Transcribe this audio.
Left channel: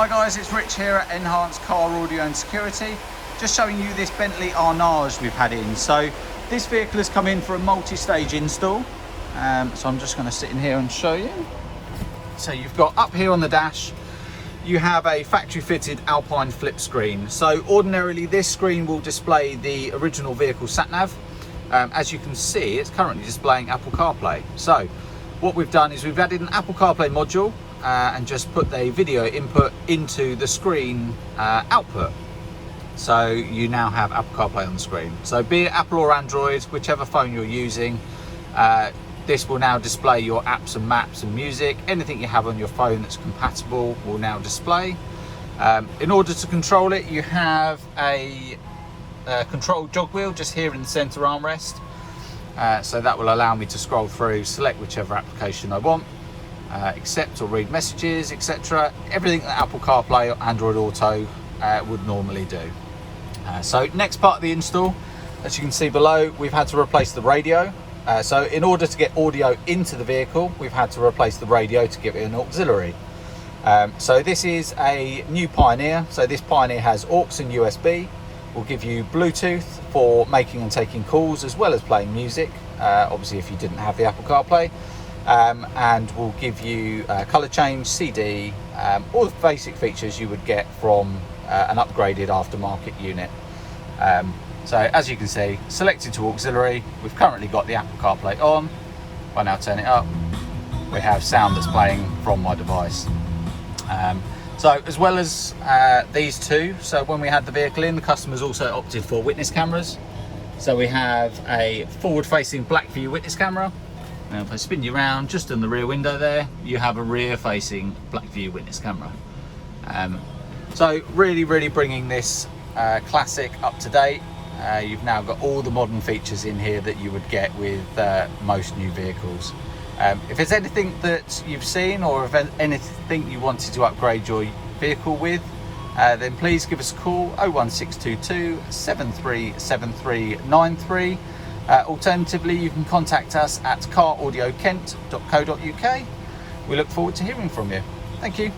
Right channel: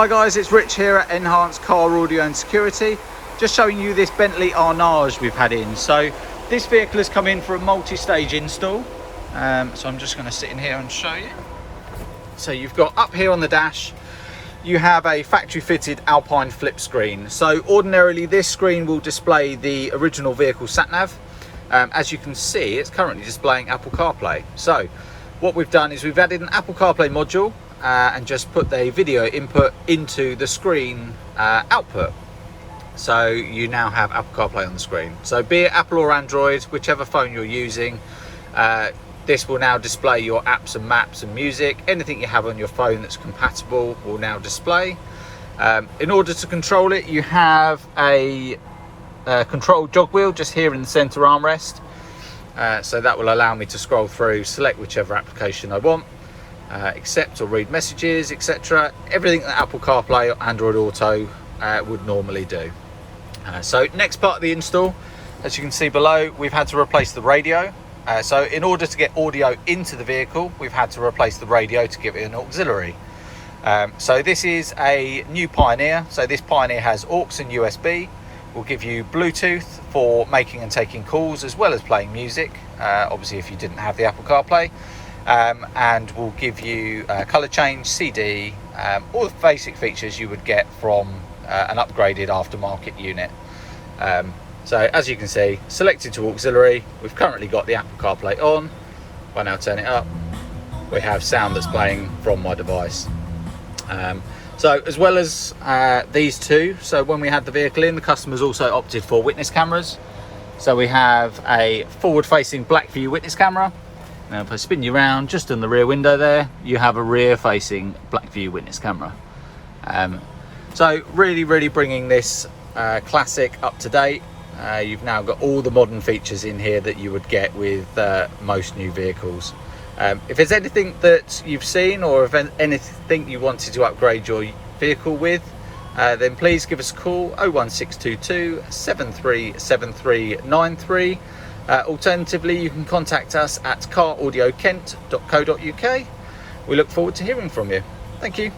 Hi guys, it's Rich here at Enhanced Car Audio and Security. Just showing you this Bentley Arnage we've had in. So this vehicle has come in for a multi-stage install. So I'm just going to sit in here and show you. So you've got up here on the dash, you have a factory fitted Alpine flip screen. So ordinarily this screen will display the original vehicle sat-nav. As you can see, it's currently displaying Apple CarPlay. So what we've done is we've added an Apple CarPlay module and just put the video input into the screen output. So you now have Apple CarPlay on the screen. So be it Apple or Android, whichever phone you're using, this will now display your apps and maps and music. Anything you have on your phone that's compatible will now display. In order to control it, you have a control jog wheel just here in the center armrest. So that will allow me to scroll through, select whichever application I want, accept or read messages, etc. Everything that Apple CarPlay or Android Auto would normally do. So next part of the install, as you can see below, we've had to replace the radio. So in order to get audio into the vehicle, we've had to replace the radio to give it an auxiliary. So this is a new Pioneer. So this Pioneer has aux and USB. Will give you Bluetooth for making and taking calls as well as playing music, obviously if you didn't have the Apple CarPlay, and will give you colour change, CD, all the basic features you would get from an upgraded aftermarket unit. So as you can see, selected to auxiliary, we've currently got the Apple CarPlay on. If I now turn it up, we have sound that's playing from my device. So as well as these two, so when we had the vehicle in, the customers also opted for witness cameras. So we have a forward-facing Blackvue Witness Camera. Now if I spin you around, just in the rear window there, you have a rear-facing Blackvue Witness Camera. So really bringing this classic up to date. You've now got all the modern features in here that you would get with most new vehicles. If there's anything that you've seen or if anything you wanted to upgrade your vehicle with, then please give us a call 01622 737393. Alternatively, you can contact us at caraudiokent.co.uk. We look forward to hearing from you. Thank you.